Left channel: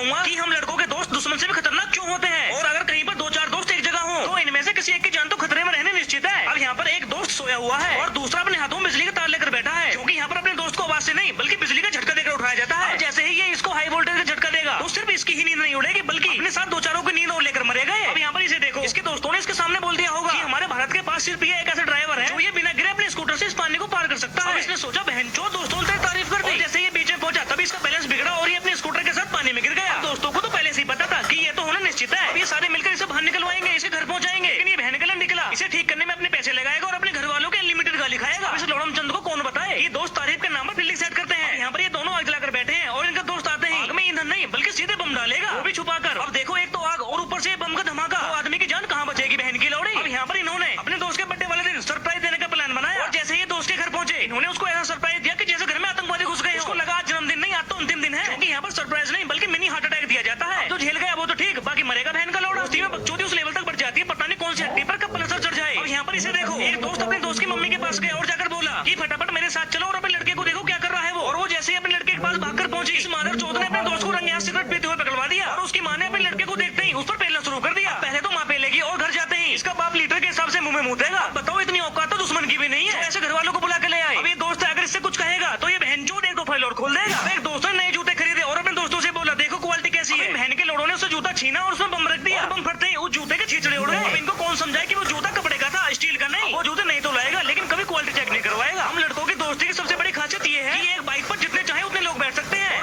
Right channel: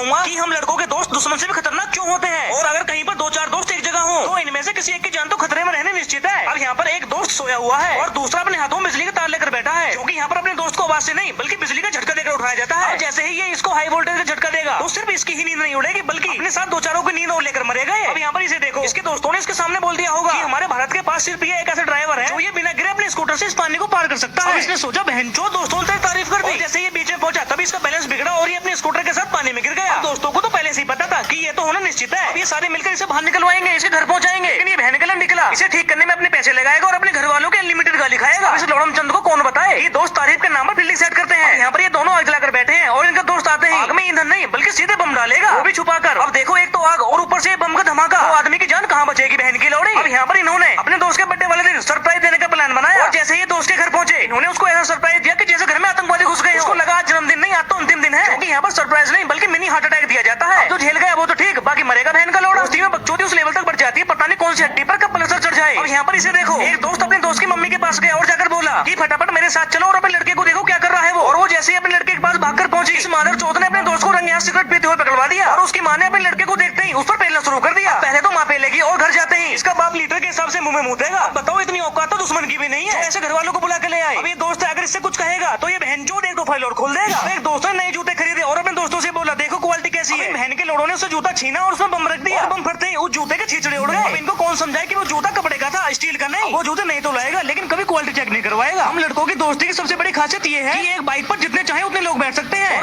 कि हम लड़कों के दोस्त दुश्मन से भी खतरनाक क्यों होते हैं, और अगर कहीं पर दो चार दोस्त एक जगह हो तो इनमें से किसी एक की जान तो खतरे में रहने निश्चित है। अब यहाँ पर एक दोस्त सोया हुआ है और दूसरा अपने हाथों में बिजली का तार लेकर बैठा है, क्योंकि यहाँ पर अपने दोस्त को आवाज से नहीं बल्कि बिजली का झटका देकर उठाया जाता है। जैसे ही ये इसको हाई वोल्टेज का झटका देगा तो सिर्फ इसकी ही नींद नहीं उड़ेगी बल्कि अपने साथ दो चारों की नींद और लेकर मरेगा। अब यहाँ पर इसे देखो, इसके दोस्तों ने इसके सामने बोल दिया होगा कि हमारे भारत के पास सिर्फ ये एक ऐसा ड्राइवर है जो ये बिना गिरे अपने स्कूटर से इस पानी को पार कर सकता है। इसने सोचा बहनचोद दोस्तों ने तारीफ कर दी, जैसे ये बीच में पहुंचा तभी इसका बैलेंस बिगड़ा और ये अपने स्कूटर के साथ पानी में गिर गया। दोस्तों को तो पहले से ही पता था कि ये तो होना निश्चित है। अब ये सारे मिलकर इसे बाहर निकलवाएंगे, इसे घर पहुंचाएंगे, लेकिन ये बहन गलत निकला। इसे ठीक करने में अपने पैसे लगाएगा और अपने घर वालों के अनलिमिटेड गाली खाएगा। इस लौड़म चंद को कौन बताए, ये दोस्त तारीफ के नाम पर फील्डिंग सेट करते हैं। यहाँ पर ये दोनों आग जलाकर बैठे हैं और इनका दोस्त आते हैं आग में ईंधन नहीं बल्कि सीधे बम डालेगा, वो भी छुपा कर। अब देखो, एक तो आग और ऊपर से बम का धमाका, तो आदमी की जान कहाँ बचेगी बहन की लौड़ी। अब यहाँ पर इन्होंने अपने दोस्त के बर्थडे वाले दिन सरप्राइज देने का प्लान बनाया और जैसे ही दोस्त के घर पहुंचे इन्होंने उसको ऐसा सरप्राइज दिया कि जैसे घर में आतंकवादी घुस गए। उसको लगा जन्मदिन नहीं, आज तो अंतिम दिन है, क्योंकि यहाँ पर सरप्राइज नहीं बल्कि मिनी हार्ट अटैक दिया जाता है। जो झेल गया वो तो ठीक, बाकी मरेगा बहन का लौड़ा। दोस्ती में बकचोदी उस लेवल तक बढ़ जाती है, पता नहीं कौन सी हड्डी पर कब पल्सर चढ़ जाए। और यहाँ पर इसे देखो, एक दोस्त अपने दोस्त की मम्मी के पास गया और जाकर बोला कि फटाफट मेरे साथ चलो और अपने लड़के को देखो क्या कर रहा है वो। और वो जैसे ही अपने लड़के के पास भागकर पहुंची, इस मादर चौथ ने अपने दोस्त को रंगे सिगरेट पीते हुए पकड़वा दिया और उसकी माँ ने अपने लड़के को देखते ही उस पर पेलना शुरू कर दिया। पहले तो माँ पेलेगी और घर जाते ही इसका बाप लीटर के हिसाब से मुंह में मुतेगा। बताओ, इतनी औकात तो दुश्मन की भी नहीं है, ऐसे घर वालों को बुला के ले आए। अब ये दोस्त अगर इससे कुछ कहेगा तो ये बहनचोद एक दो फाइल और खोल देगा। एक दोस्त ने नए जूते खरीदे और अपने दोस्तों से बोला देखो क्वालिटी कैसी है। बहन के लोड़ों ने उससे जूता छीना और उसमें बम रख दिया। बम फटते ही उस जूते के छींचड़े उड़ गए। अब इनको कौन समझाए कि वो जूता कपड़े का था, स्टील का नहीं। वो जूते नहीं तो लाएगा लेकिन कभी क्वालिटी चेक नहीं करवाएगा। हम लड़कों की दोस्ती की सबसे बड़ी खासियत ये है कि एक बाइक पर जितने चाहे उतने लोग बैठ सकते हैं।